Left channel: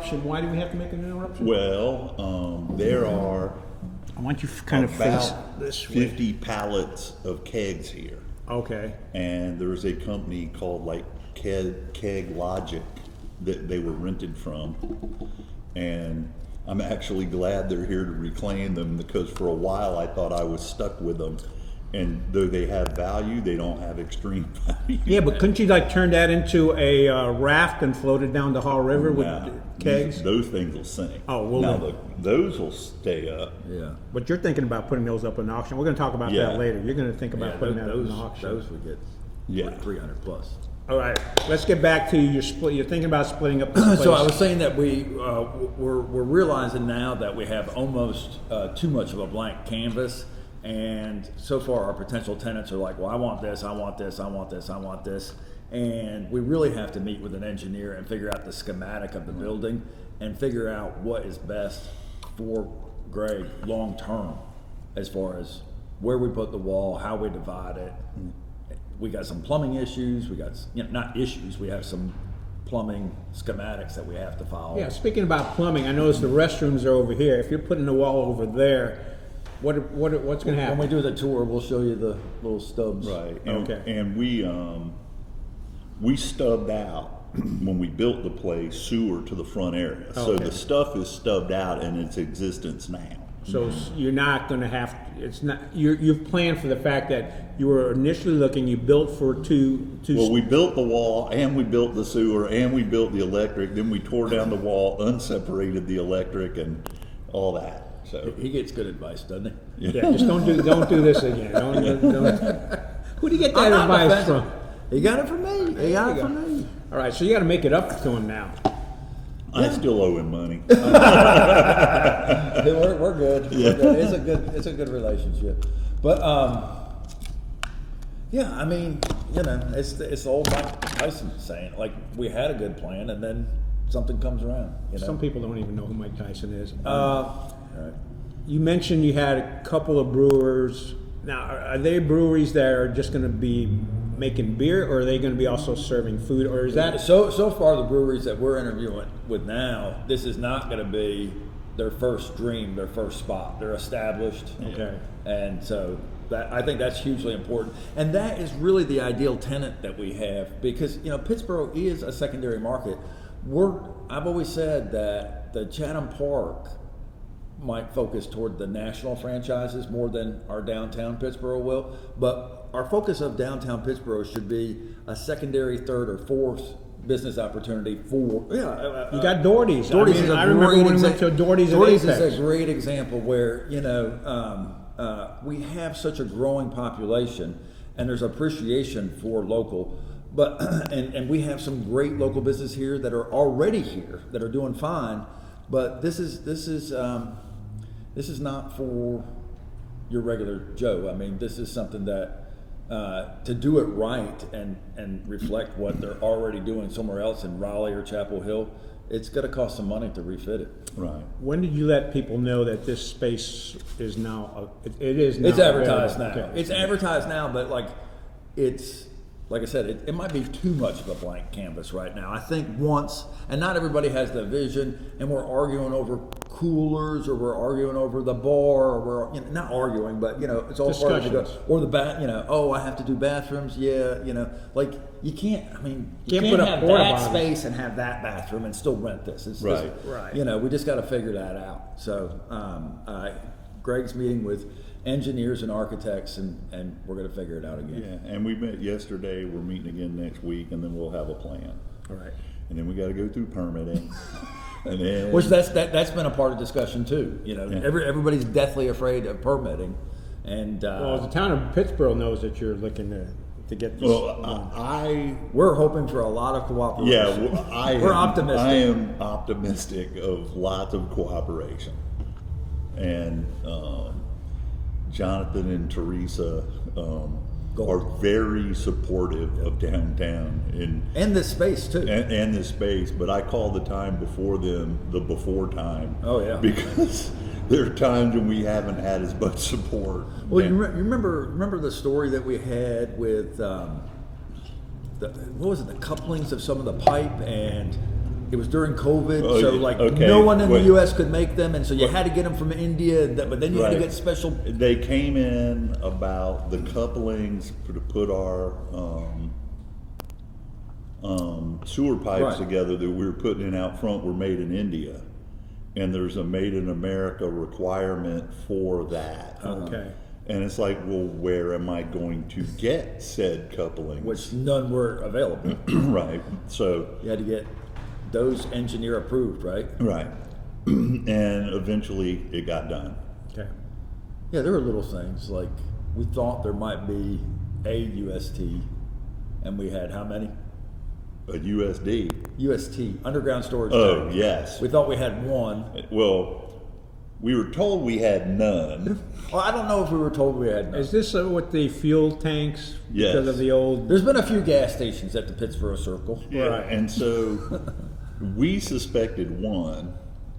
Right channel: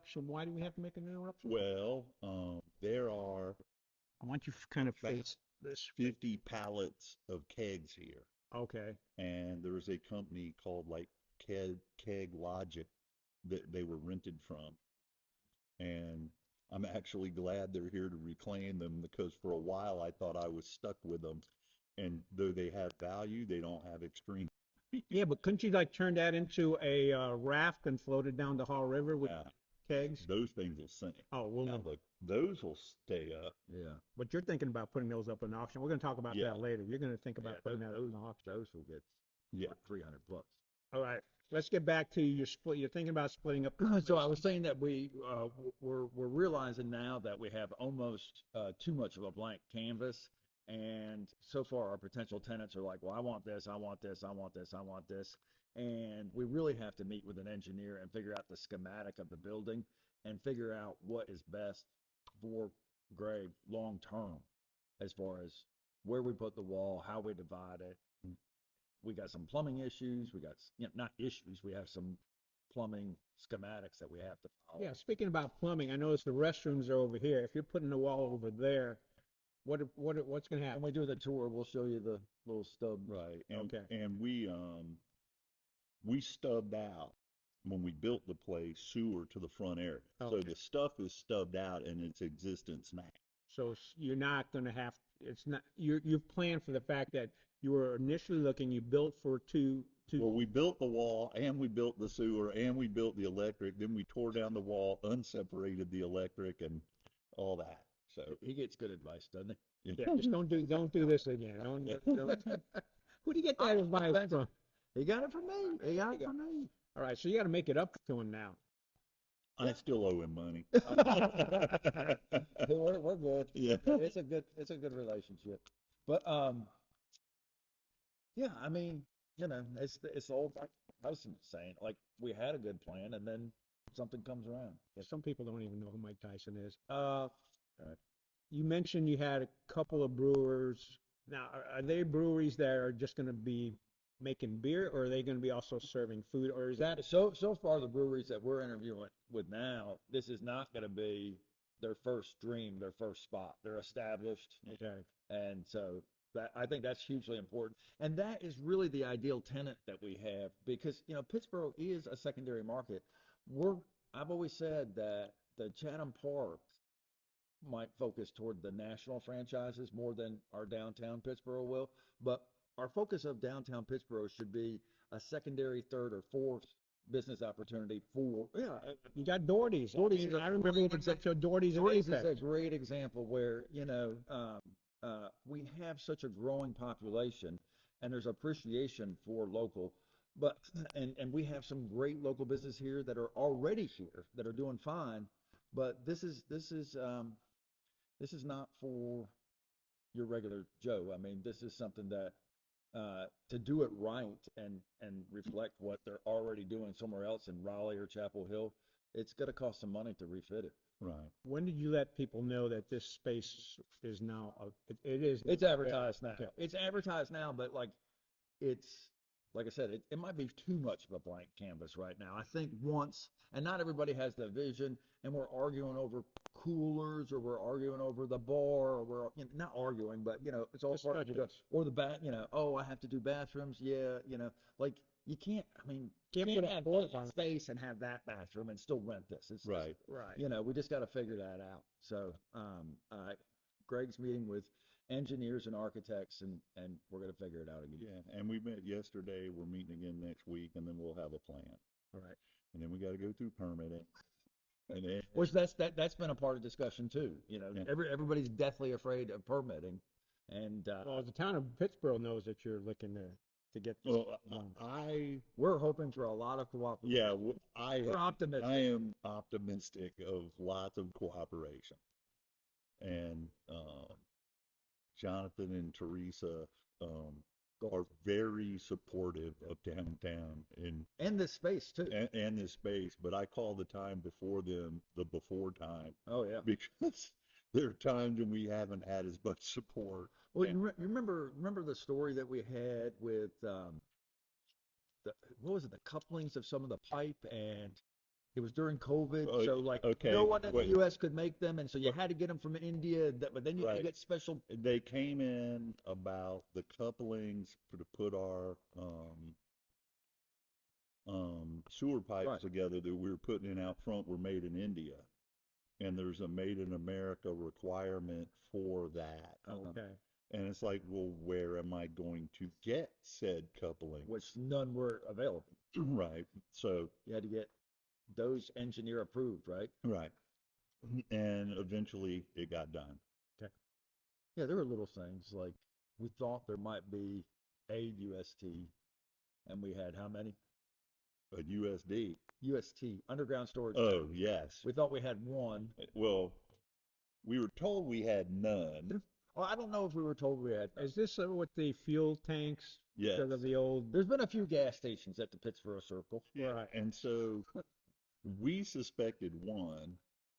interruption. Why do we have to make an interruption? Well, there are I want you to kind of face about this way. 50 pallets of kegs here. Okay. And there's a company called like Keg Logic that they were rented from. And I'm actually glad they're here to reclaim them, because for a while I thought I was stuck with them. And though they have value, they don't have extreme value. Yeah, but couldn't you like turn that into a raft and float it down the Hall River with kegs? Those things will sink. Oh, well, now no. those will stay up. Yeah. But you're thinking about putting those up in auction. We're going to talk about that later. You're going to think about putting that up in auction. Those would get 300 plus. All right, let's get back to your split. You're thinking about splitting up this place. So I was saying that we're realizing now that we have almost too much of a blank canvas, and so far our potential tenants are like, well, I want this, I want this, I want this, I want this, and we really have to meet with an engineer and figure out the schematic of the building and figure out what is best for Greg long term, as far as where we put the wall, how we divide it. We got some plumbing issues. We got, not issues. We have some plumbing schematics that we have to follow. Yeah, speaking about plumbing, I noticed the restrooms are over here. If you're putting the wall over there, what's going to happen? When we do the tour, we'll show you the little stubs. Right. And, Okay. And we stubbed out when we built the place sewer to the front area. So Okay. the stuff is stubbed out in its existence now. So you're not going to have. It's not. You've planned for the fact that you were initially looking. You built for two. Well, we built the wall, and we built the sewer, and we built the electric. Then we tore down the wall, unseparated the electric, and all that. So He gets good advice, doesn't he? Yeah, just don't do this again. Don't. Who do you get that I'm not advice offended. from? He got it from me. He got it from me. All right, so you got to make it up to him now. I still owe him money. We're good. Yeah. We're good. It's a good relationship. But yeah, I mean, it's the old Mike Tyson saying, like, we had a good plan and then something comes around. Some people don't even know who Mike Tyson is. Right. You mentioned you had a couple of brewers. Now, are they breweries that are just going to be making beer, or are they going to be also serving food, or is that? So far, the breweries that we're interviewing with now, this is not going to be their first dream, their first spot. They're established. Okay. And so I think that's hugely important. And that is really the ideal tenant that we have, because Pittsboro is a secondary market. I've always said that the Chatham Park might focus toward the national franchises more than our downtown Pittsboro will, but our focus of downtown Pittsboro should be a secondary, third, or fourth business opportunity for. You got Doherty's. Doherty's I remember when we went to Doherty's. Doherty's is a great example where we have such a growing population, and there's appreciation for local. But and we have some great local business here that are already here that are doing fine. But this is not for your regular Joe. I mean, this is something that to do it right and reflect what they're already doing somewhere else in Raleigh or Chapel Hill, it's going to cost some money to refit it. Right. When did you let people know that this space is now? It is now. It's advertised now. Okay. It's advertised now, but it's like I said, it might be too much of a blank canvas right now. I think once, and not everybody has the vision, and we're arguing over coolers, or we're arguing over the bar, or we're not arguing, but it's all part of the or the oh, I have to do bathrooms, like you can't. I mean, you Can't put can't up have porta that potties. space and have that bathroom and still rent this. It's Right. Right. we just got to figure that out. So Greg's meeting with engineers and architects, and we're going to figure it out again. Yeah, and we met yesterday. We're meeting again next week, and then we'll have a plan. All right. And then we got to go through permitting. And then, Which that's been a part of discussion too. Everybody's deathly afraid of permitting, and Well, the town of Pittsboro knows that you're looking to get this. we're hoping for a lot of cooperation. Yeah, We're optimistic. I am optimistic of lots of cooperation, and Jonathan and Teresa are very supportive of downtown and this space too. and this space. But I call the time before them the before time. Oh, yeah. Because there are times when we haven't had as much support. Well, you remember the story that we had with what was it? The couplings of some of the pipe, and It was during COVID, Oh, so yeah, like okay, no one in wait. the U.S. could make them, and so you had to get them from India. But then you had to Right. get special. They came in about the couplings to put our sewer pipes Right. together that we were putting in out front were made in India, and there's a made in America requirement for that. Okay. And it's like, well, where am I going to get said couplings? Which none were available. Right. So You had to get those engineer approved, right? right, and eventually it got done. Okay. Yeah, there were little things like we thought there might be a UST, and we had how many? A USD. UST, underground storage Oh tank. yes. We thought we had one. Well, we were told we had none. Well, I don't know if we were told we had none. Is this with the fuel tanks? Yes. Because of the old. There's been a few gas stations at the Pittsboro Circle. Yeah, Right. and so we suspected one,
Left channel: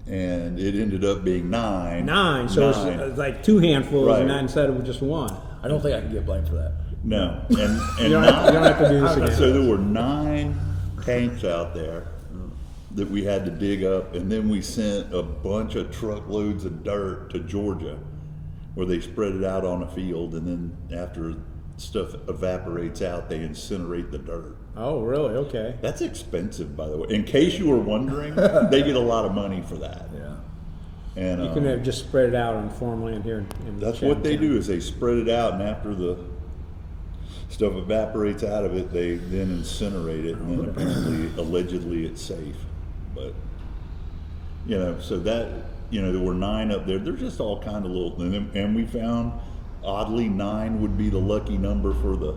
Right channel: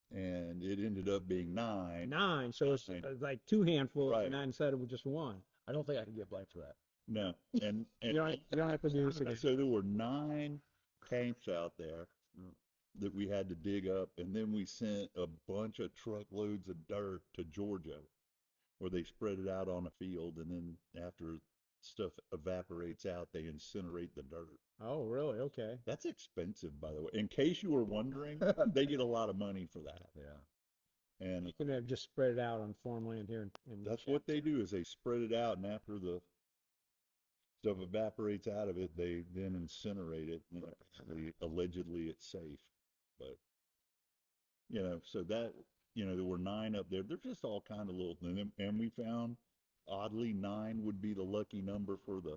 and it ended up being nine. Nine, so it's like two handfuls Right. instead of just one. I don't think I can get blamed for that. No, and You don't have to do this again. so there were 9 tanks out there that we had to dig up, and then we sent a bunch of truckloads of dirt to Georgia, where they spread it out on a field, and then after stuff evaporates out, they incinerate the dirt. Oh, really? Okay. That's expensive, by the way. In case you were wondering, they get a lot of money for that. Yeah. And You can have just spread it out on farmland here. In that's what they Chatham. do, is they spread it out, and after the stuff evaporates out of it, they then incinerate it, and then apparently, allegedly, it's safe. But so that there were 9 up there. They're just all kind of little, and we found oddly 9 would be the lucky number for the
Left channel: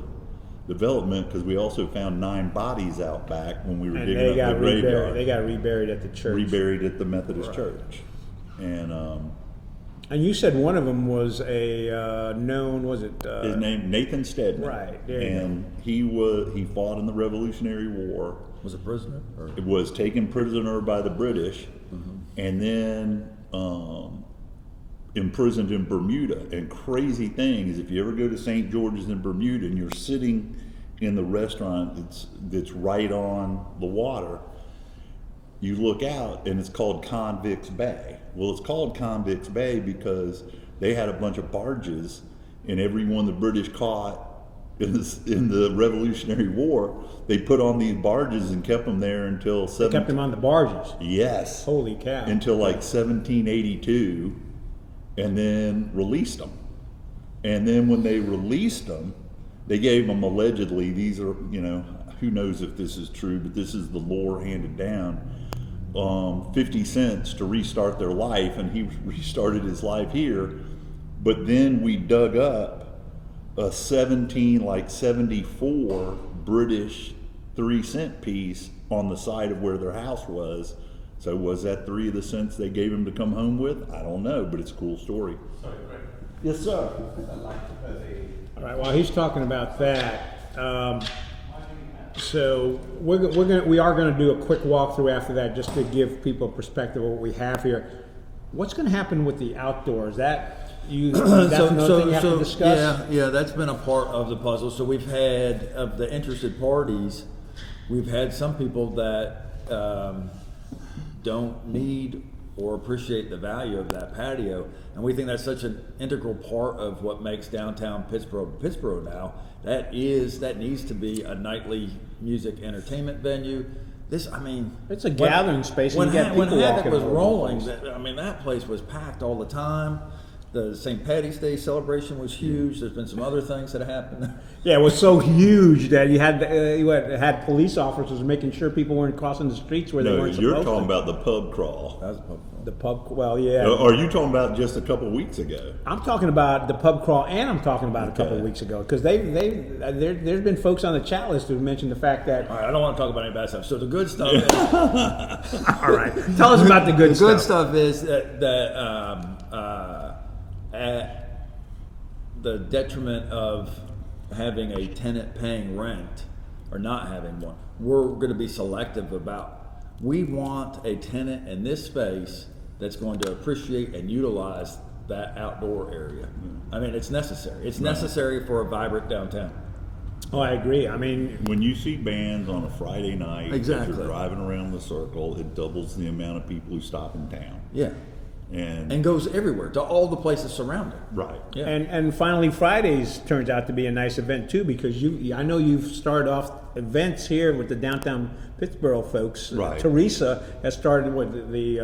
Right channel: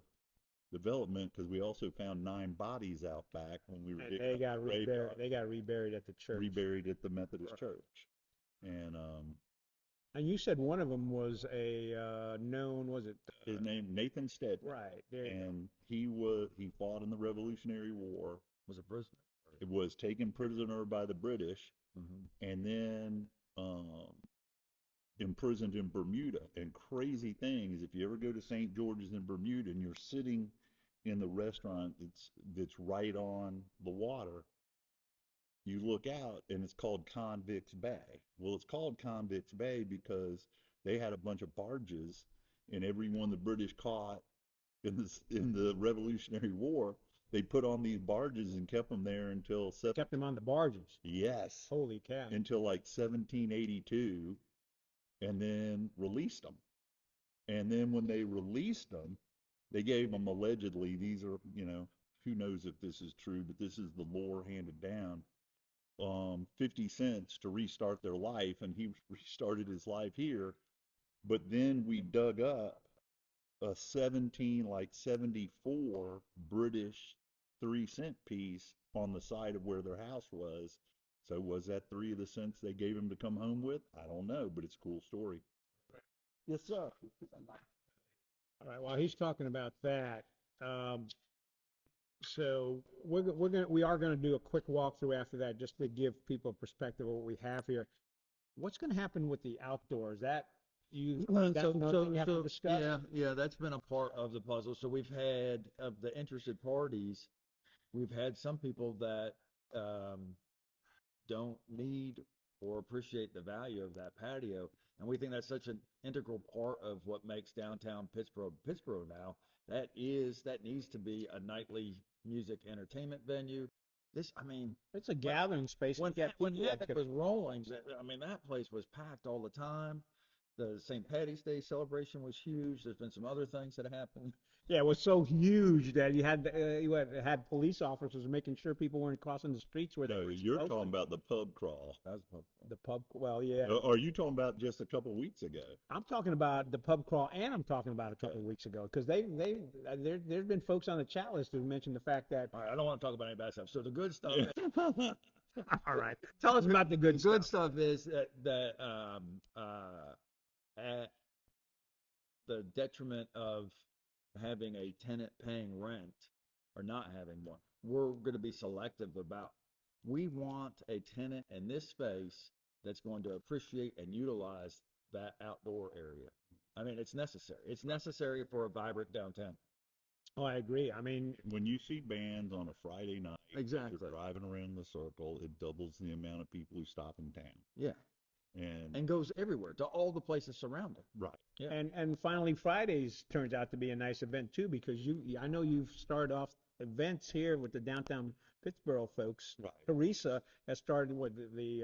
development, because we also found 9 bodies out back when we were And digging they up got the graveyard. reburied. They got reburied at the church. Reburied at the Methodist Right. Church, and And you said one of them was a known. Was it? his name Nathan Stedman. Right, there you And he fought in the Revolutionary War. Was it prisoner? Or? It was taken prisoner by the British, and then imprisoned in Bermuda. And crazy thing is, if you ever go to St. George's in Bermuda and you're sitting in the restaurant that's right on the water, you look out and it's called Convicts Bay. Well, it's called Convicts Bay because they had a bunch of barges, and every one the British caught in the Revolutionary War, they put on these barges and kept them there until kept them on the barges. Yes. Holy cow! Until like 1782, and then released them. And then when they released them, they gave them allegedly, these are, who knows if this is true, but this is the lore handed down, 50 cents to restart their life, and he restarted his life here. But then we dug up a 74 British 3-cent piece on the side of where their house was. So was that 3 of the cents they gave him to come home with? I don't know, but it's a cool story. Sorry, Greg. Yes, sir. I'd like to put All right. While he's talking about that, so we are gonna do a quick walkthrough after that, just to give people a perspective of what we have here. What's gonna happen with the outdoors? That's another thing you have to discuss. Yeah, that's been a part of the puzzle. So we've had, of the interested parties, we've had some people that don't need or appreciate the value of that patio, and we think that's such an integral part of what makes downtown Pittsboro now. That needs to be a nightly music entertainment venue. It's a gathering space, and When, you get when people Havoc walking was all over the rolling, place. that place was packed all the time. The St. Patty's Day celebration was huge. There's been some other things that happened. Yeah, it was so huge that you had police officers making sure people weren't crossing the streets where they No, weren't you're supposed talking to. about the pub crawl. That was a pub crawl. The pub. Well, yeah. Are you talking about just a couple weeks ago? I'm talking about the pub crawl, and I'm talking about a couple of weeks ago, because there's been folks on the chat list who've mentioned the fact that. All right, I don't want to talk about any bad stuff. So the good stuff is, All right, tell us about the good the stuff. good stuff is that at the detriment of having a tenant paying rent or not having one, we're going to be selective about. We want a tenant in this space that's going to appreciate and utilize that outdoor area. It's necessary. It's necessary for a vibrant downtown. Oh, I agree. I mean, When you see bands on a Friday night, as Exactly. you're driving around the circle, it doubles the amount of people who stop in town. Yeah. And goes everywhere to all the places surrounding. Right. Yeah. and finally Fridays turns out to be a nice event too, because I know you've started off events here with the downtown Pittsboro folks. Right. Teresa has started with the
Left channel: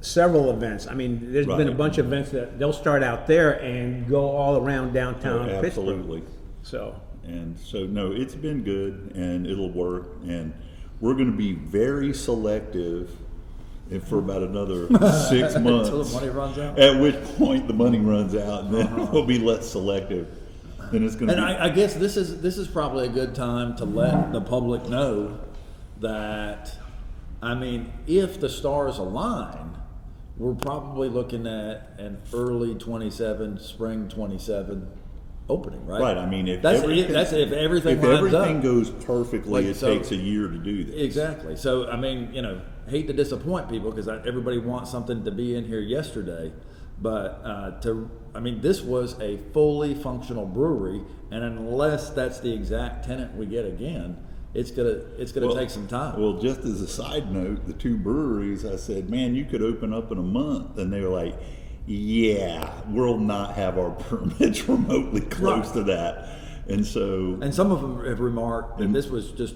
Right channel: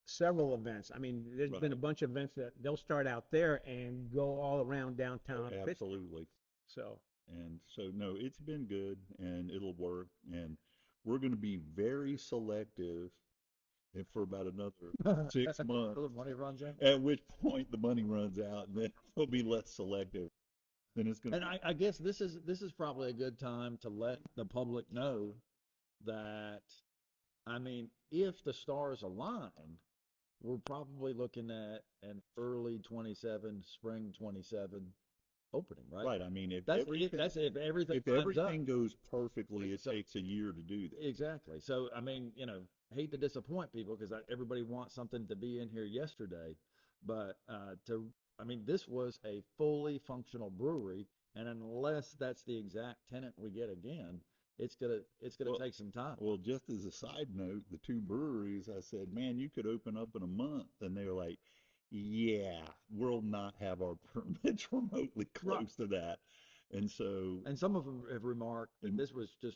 several events. I mean, there's been a Right. bunch of events that they'll start out there and go all around downtown Pittsburgh. Absolutely. So And so, no, it's been good, and it'll work. And we're going to be very selective for about another 6 months. Until the money runs out. At which point the money runs out, and then we'll be less selective. Then it's going to And be. I guess this is probably a good time to let the public know that, I mean, if the stars align, we're probably looking at an early 27, spring 27 opening, right? Right. I mean, if That's everything, that's if everything if lines everything up. goes perfectly, Like, it so- takes a year to do this. Exactly. So, I mean, hate to disappoint people because everybody wants something to be in here yesterday, but this was a fully functional brewery, and unless that's the exact tenant we get again, it's gonna take some time. Well, just as a side note, the two breweries, I said, man, you could open up in a month. And they were like, yeah, we'll not have our permits remotely close Right. to that. And so, And some of them have remarked that this was just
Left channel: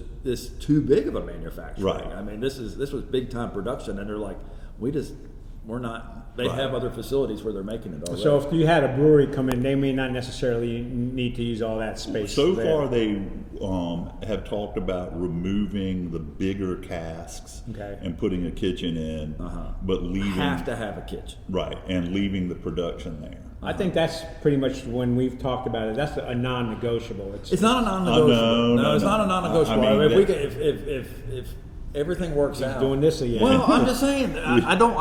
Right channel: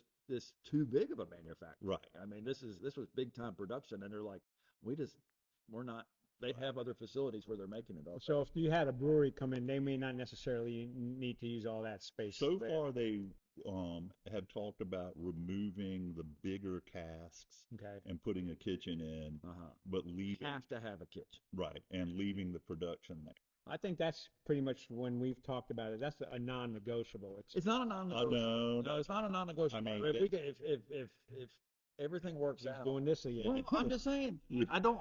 too big of a manufacturing. Right. I mean, this was big time production, and they're like, we're not. They Right. have other facilities where they're making it already. So if you had a brewery come in, they may not necessarily need to use all that space. so there. far they have talked about removing the bigger casks Okay. and putting a kitchen in, but leaving, have to have a kitchen. right, and leaving the production there. I think that's pretty much when we've talked about it. That's a non-negotiable. It's not a non-negotiable. no, It's no. not a non-negotiable. I mean, if we could, if everything works out, doing this again. Well, I'm just saying. I don't.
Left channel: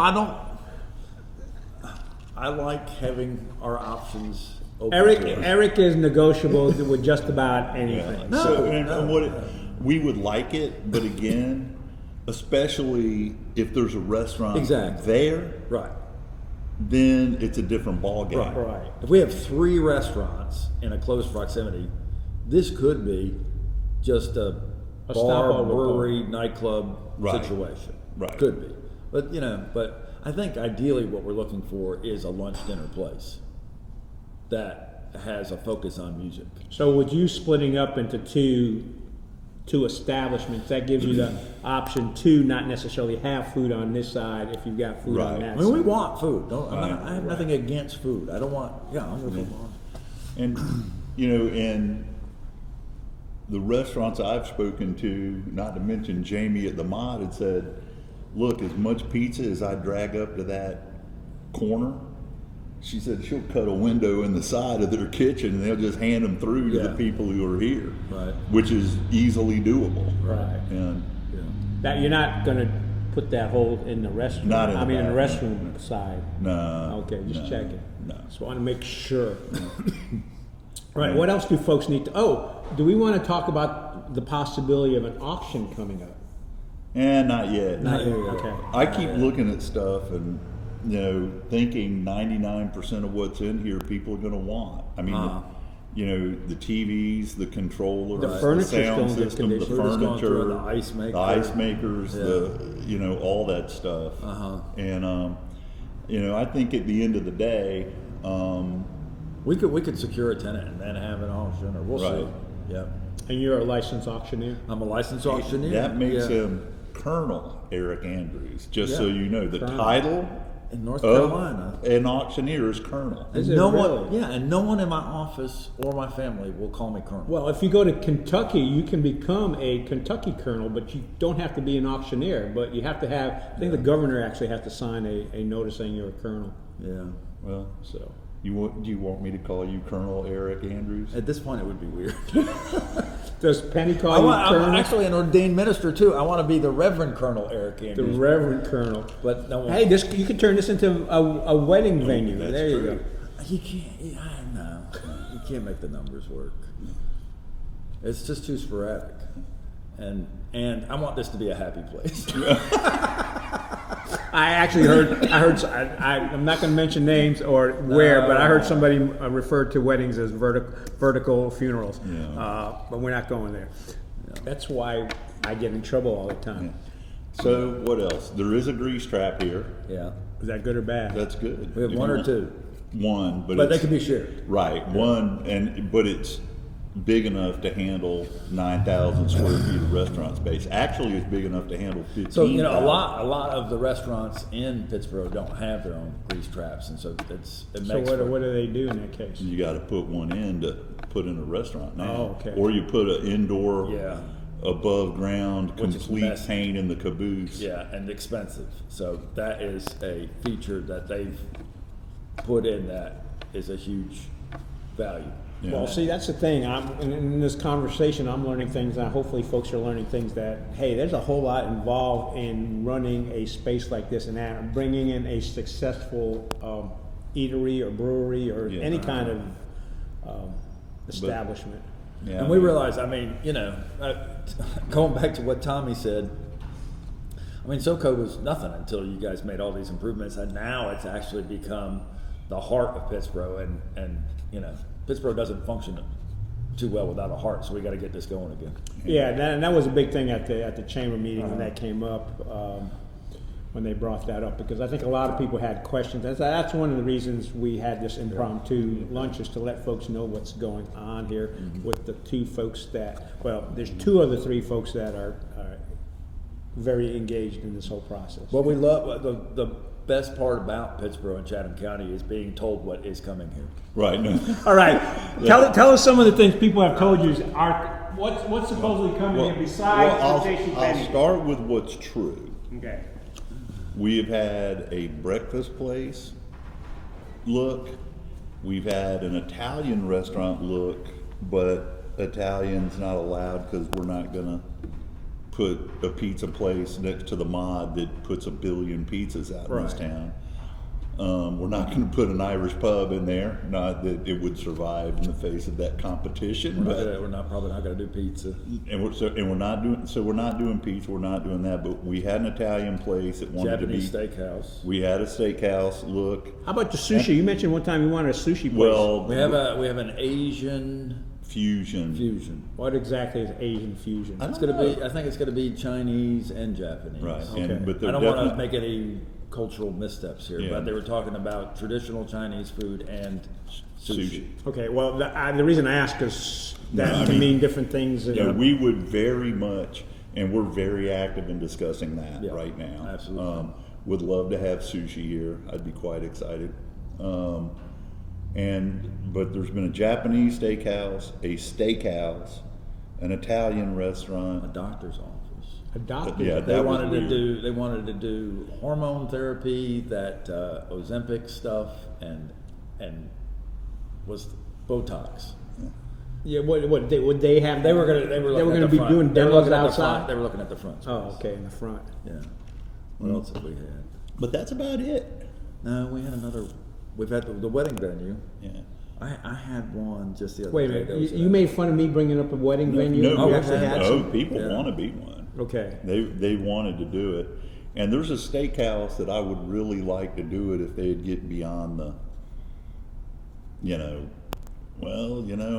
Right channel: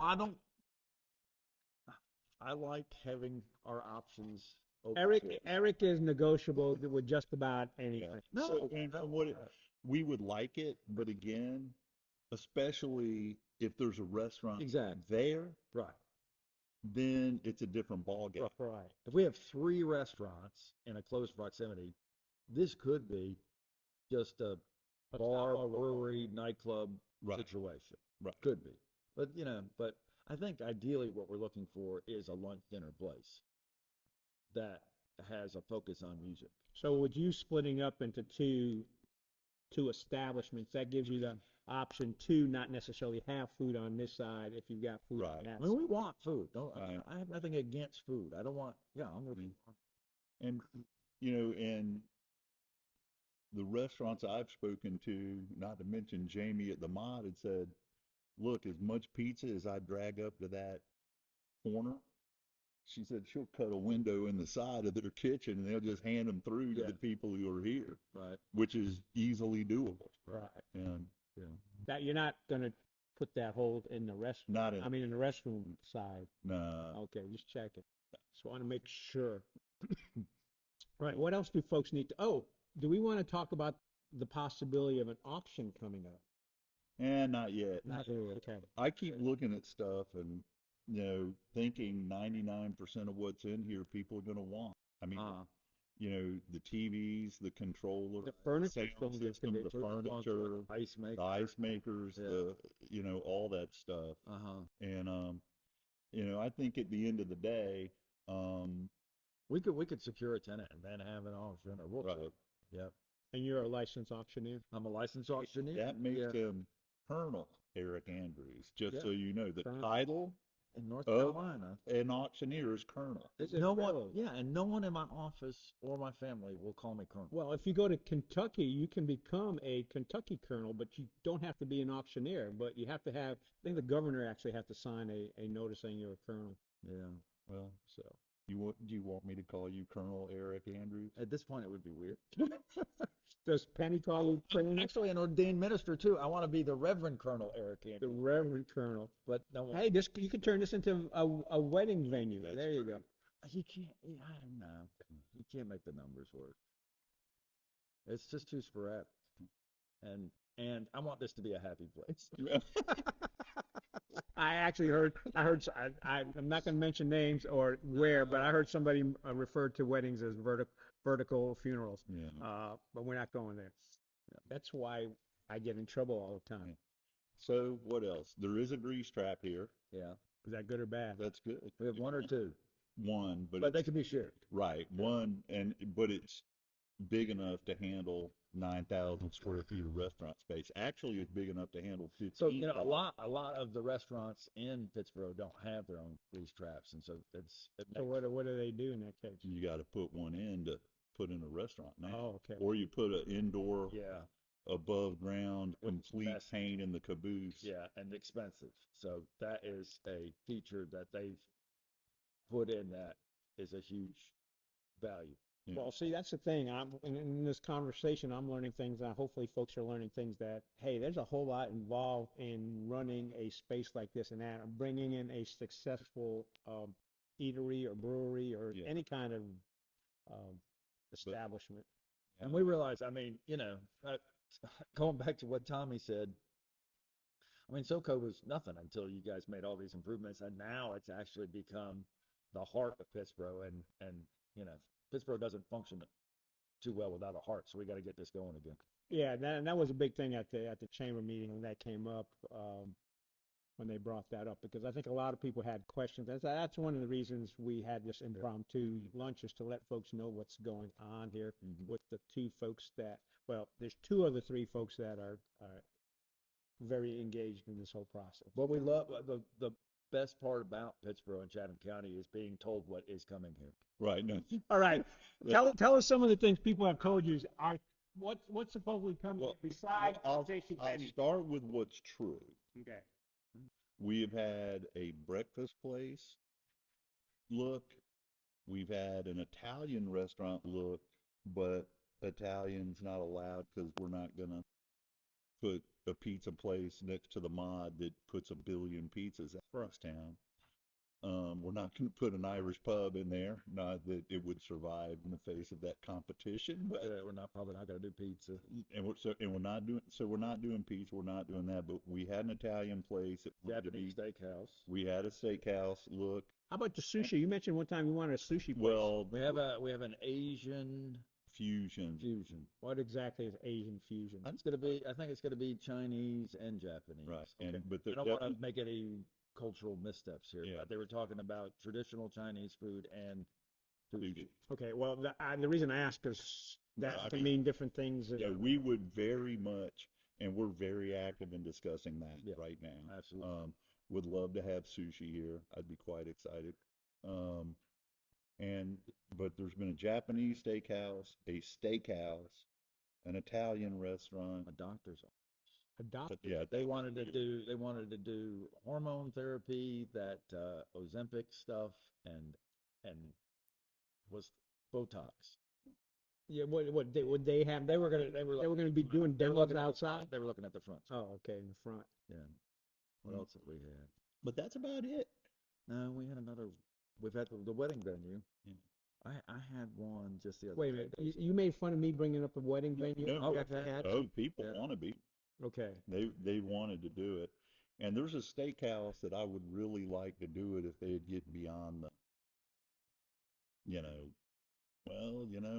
I like having our options open. to us. Eric is negotiable with just about anything. No, So, and no, what we would like it, but again, especially if there's a restaurant Exactly. there, Right. then it's a different ballgame. Right. If we have 3 restaurants in a close proximity, this could be just a bar, stopover brewery, nightclub Right. situation. Right. Could be. But I think ideally what we're looking for is a lunch dinner place that has a focus on music. So with you splitting up into two establishments, that gives you the option to not necessarily have food on this side if you've got food on Right. that I mean, we side. want food. Right. I have nothing against food. I don't want. Yeah, I'm with you. And and the restaurants I've spoken to, not to mention Jamie at the Mod, had said, look, as much pizza as I drag up to that corner, she said she'll cut a window in the side of their kitchen and they'll just hand them through to the Yeah. people who are here, Right. which is easily doable. Right. And Yeah. That you're not going to put that whole in the restroom. Not in the in the back. restroom side. no. Okay, just no, checking. No. Just want to make sure. Right. What else do folks need to? Oh, do we want to talk about the possibility of an auction coming up? And not yet. Not yet. Okay. I keep looking at stuff and thinking 99% of what's in here people are going to want. I mean, the TVs, the controller, The furniture's sound still in good system, the condition. Food is going through, furniture, the ice maker. the ice makers, Yeah. all that stuff. Uh-huh. And I think at the end of the day, We could secure a tenant and then have an auction, or we'll see. Right. Yeah. And you're a licensed auctioneer. I'm a licensed auctioneer. that makes Yeah. him Colonel Eric Andrews. Just so Yeah. you know, the Colonel. title in North of Carolina. an auctioneer is Colonel. Is And it no really? one, and no one in my office or my family will call me Colonel. Well, if you go to Kentucky, you can become a Kentucky colonel, but you don't have to be an auctioneer. But you have to have. I think the governor actually has to sign a notice saying you're a colonel. Yeah. Well, So. do you want me to call you Colonel Eric Andrews? At this point, it would be weird. Does Penny call you colonel? I'm actually an ordained minister too. I want to be the Reverend Colonel Eric The Andrews. Reverend Colonel. But no one. Hey, you can turn this into a wedding venue. that's There you true. go. You can't. No, you can't make the numbers work. It's just too sporadic, and I want this to be a happy place. I actually heard. I'm not going to mention names or where, but I heard somebody refer to weddings as vertical funerals. Yeah. But we're not going there. That's why I get in trouble all the time. So what else? There is a grease trap here. Yeah. Is that good or bad? That's good. We have one or two. One, but But they it's, can be shared. right. One, but it's big enough to handle 9,000 square feet of restaurant space. Actually, it's big enough to handle 15,000. So a lot of the restaurants in Pittsboro don't have their own grease traps, and so it So makes. what do they do in that case? You got to put one in to put in a restaurant now. Oh, okay. Or you put an indoor, Yeah. above ground, Which is complete messy. paint in the caboose. Yeah, and expensive. So that is a feature that they've put in that is a huge value. Yeah. Well, see, that's the thing. In this conversation, I'm learning things, and hopefully folks are learning things that, hey, there's a whole lot involved in running a space like this and that, bringing in a successful eatery or brewery or Yeah. any kind of establishment. Yeah. And we realize, going back to what Tommy said, SoCo was nothing until you guys made all these improvements, and now it's actually become the heart of Pittsboro, and Pittsboro doesn't function too well without a heart, so we got to get this going again. Yeah, and that was a big thing at the chamber meeting when that came up, when they brought that up, because I think a lot of people had questions. That's one of the reasons we had this impromptu lunch, is to let folks know what's going on here with the two folks there's two of the three folks that are very engaged in this whole process. What we love, the best part about Pittsboro and Chatham County is being told what is coming here. Right. No. All right, tell us some of the things people have told you are what's supposedly coming here besides the station I'll venue. start with what's true. Okay. We have had a breakfast place look. We've had an Italian restaurant look, but Italian's not allowed because we're not gonna put a pizza place next to the mod that puts 1 billion pizzas out in this Right. town. We're not going to put an Irish pub in there. Not that it would survive in the face of that competition, but We're probably not going to do pizza. we're not doing pizza. We're not doing that. But we had an Italian place that wanted Japanese to be. steakhouse. We had a steakhouse look. How about the sushi? You mentioned one time you wanted a sushi place. Well, We have an Asian fusion. fusion. What exactly is Asian fusion? I It's don't gonna know. be. I think it's gonna be Chinese and Japanese. Right. Okay. But I they're don't want to definitely- make any cultural missteps here, Yeah. but they were talking about traditional Chinese food and sushi. Okay, well, the reason I ask is that No, I can mean, mean different things. Yeah, we would very much, and we're very active in discussing that Yeah, right now. absolutely. Would love to have sushi here. I'd be quite excited. But there's been a Japanese steakhouse, an Italian restaurant. A doctor's office. Adopted. Yeah, They that was wanted to weird. do. They wanted to do hormone therapy, that Ozempic stuff, and was Botox. Yeah, what would they have? They were gonna be doing They were demos looking at the outside. front. They were looking at the front. Oh, space. okay, in the front. Yeah. What else have we had? But that's about it. No, we had another. We've had the wedding venue. Yeah. I had one just the other Wait a day. minute, that was you made fun of me bringing up a wedding venue. No, You actually had some? people Yeah. want to be one. Okay. They wanted to do it, and there's a steakhouse that I would really like to do it if they'd get beyond the,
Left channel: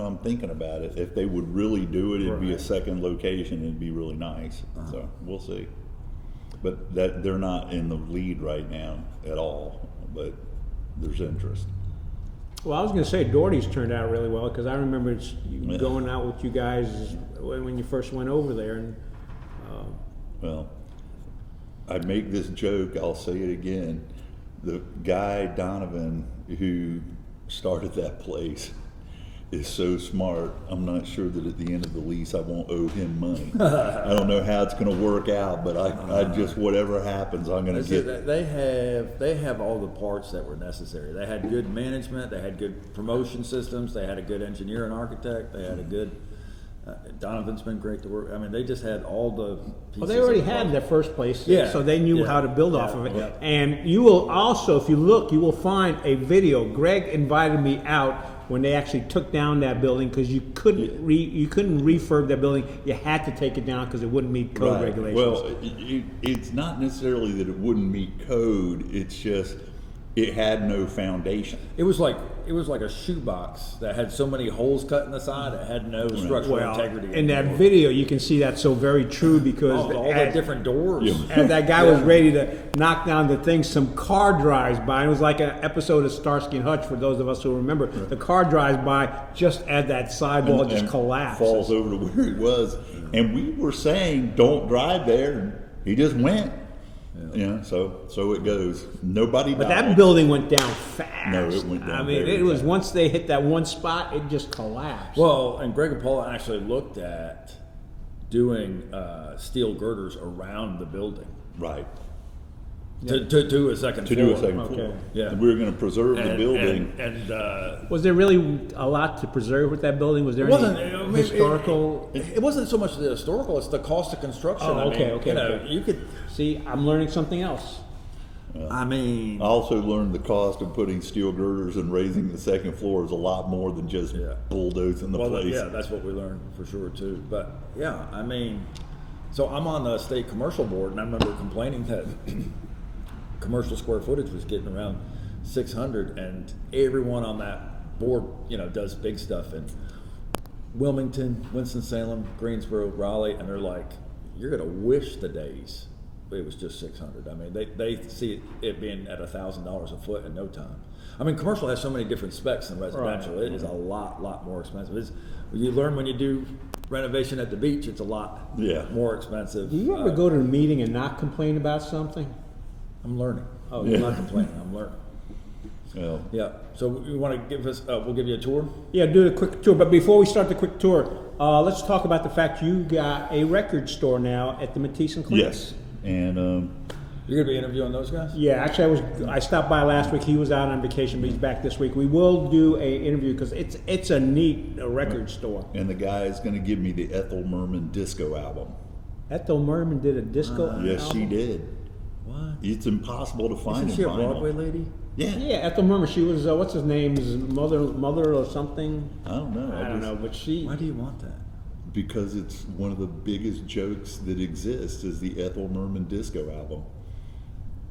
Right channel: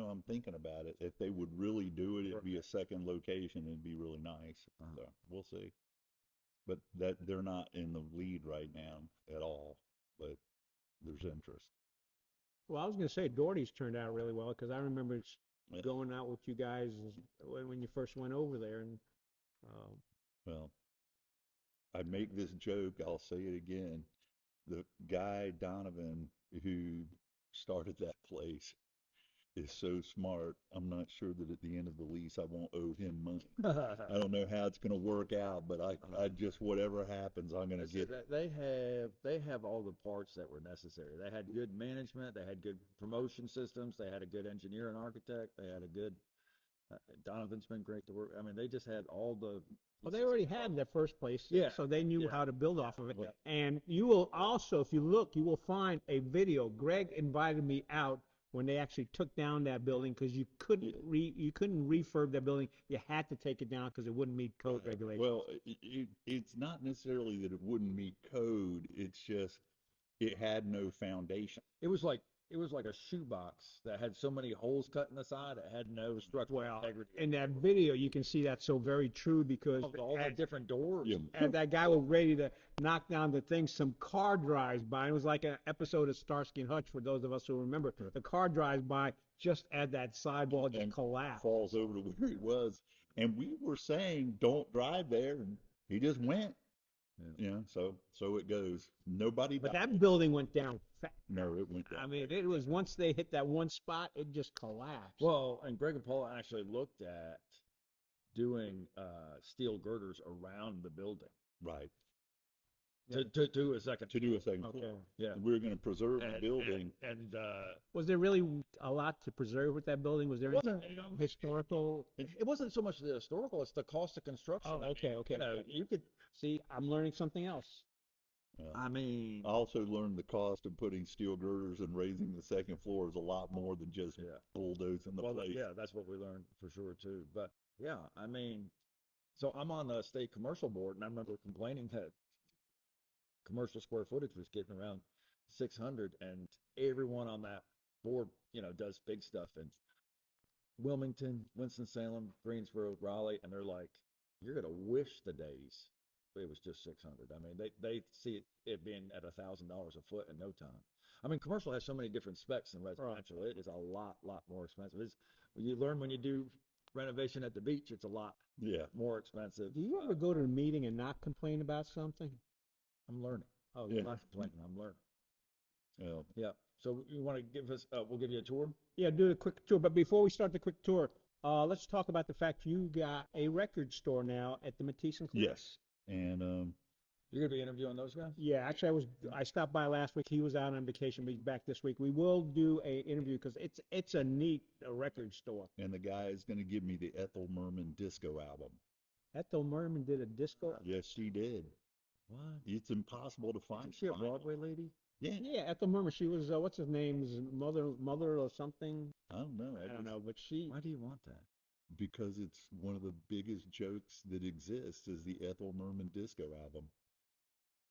I'm thinking about it. If they would really do it, it'd be a Right. second location. It'd be really nice. So we'll see. But they're not in the lead right now at all. But there's interest. Well, I was going to say Doherty's turned out really well, because I remember Yeah. going out with you guys when you first went over there, and Well, I make this joke, I'll say it again. The guy, Donovan, who started that place is so smart. I'm not sure that at the end of the lease I won't owe him money. I don't know how it's going to work out, but I just, whatever happens, I'm going to get. They have all the parts that were necessary. They had good management. They had good promotion systems. They had a good engineer and architect. They had a good. Donovan's been great to work. I mean, they just had all the. Pieces well, they already of the had puzzle. their first place, Yeah, so they knew yeah, how to build yeah, off of it. yeah. And you will also, if you look, you will find a video. Greg invited me out when they actually took down that building because you couldn't refurb that building. You had to take it down because it wouldn't meet code Right. regulations. Well, it's not necessarily that it wouldn't meet code. It's just it had no foundation. It was like a shoebox that had so many holes cut in the side. It had no structural integrity. In that video, you can see that's so very true because all the different doors. Yeah. as that guy was ready to knock down the thing, some car drives by. It was like an episode of Starsky and Hutch for those of us who remember. The car drives by just as that sidewall just And collapsed. falls over to where he was, and we were saying don't drive there, and he just went. So it goes. Nobody But died. that building went down fast. No, it went down I mean, very it was fast. once they hit that one spot, it just collapsed. Well, and Greg and Paula actually looked at doing steel girders around the building Right. to do a second To floor. do a second Okay. floor. Yeah. And we were going to preserve the building. And was there really a lot to preserve with that building? Was there it wasn't any I mean, historical? It wasn't so much the historical; it's the cost of construction. Oh, okay, okay, You know, okay. you could. See, I'm learning something else. I mean, I also learned the cost of putting steel girders and raising the second floor is a lot more than just Yeah. bulldozing the well, place. yeah, that's what we learned for sure too. But yeah, I mean, so I'm on the state commercial board, and I remember complaining that commercial square footage was getting around 600, and everyone on that board, does big stuff in Wilmington, Winston-Salem, Greensboro, Raleigh, and they're like, you're gonna wish the days it was just 600. I mean, they see it being at $1,000 a foot in no time. I mean, commercial has so many different specs than residential. Right. It is a lot more expensive. You learn when you do renovation at the beach, it's a lot more expensive. Do you ever go to a meeting and not complain about something? I'm learning. Oh, I'm not complaining. I'm learning. Well, Yeah. So you want to give us? We'll give you a tour. Yeah, do a quick tour. But before we start the quick tour, let's talk about the fact you got a record store now at the Matisse and Clinton. yes. And You're gonna be interviewing those guys. Yeah, actually, I stopped by last week. He was out on vacation, but he's back this week. We will do a interview because it's a neat record store. and the guy is going to give me the Ethel Merman disco album. Ethel Merman did a disco. Yes, she album? did. What? It's impossible to find Isn't she in a vinyl. Broadway lady? Yeah. Yeah, Ethel Merman. She was what's his name? His mother or something. I don't know. I don't know, but she. Why do you want that? Because it's one of the biggest jokes that exists is the Ethel Merman disco album.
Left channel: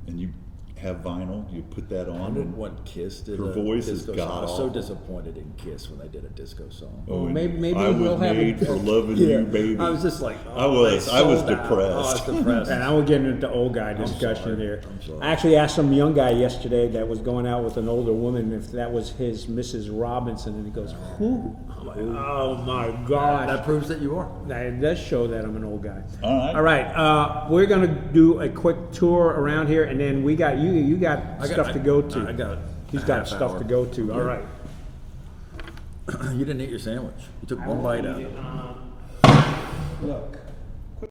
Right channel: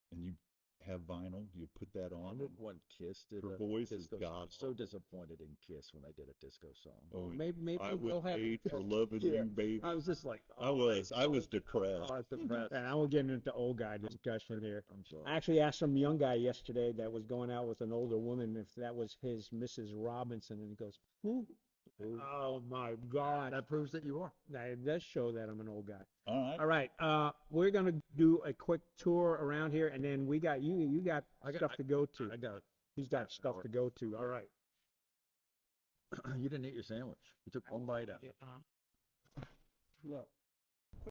And you have vinyl, you put that I on. did when Kiss did Her a voice is disco song. I was so god-awful. disappointed in Kiss when they did a disco song. Oh, and maybe I was we'll have made it- for loving you, baby. I was just like, I was they sold out. depressed. Oh, I was depressed. And I was getting into old guy discussion sorry. here. I'm sorry. I actually asked some young guy yesterday that was going out with an older woman if that was his Mrs. Robinson, and he goes, "Who?" I'm like, "Oh my God!" That proves that you are. That does show that I'm an old guy. All right. All right, we're gonna do a quick tour around here, and then we got you got stuff to go to. I got it. He's got stuff to go to. All right. You didn't eat your sandwich. You took one bite out. Look.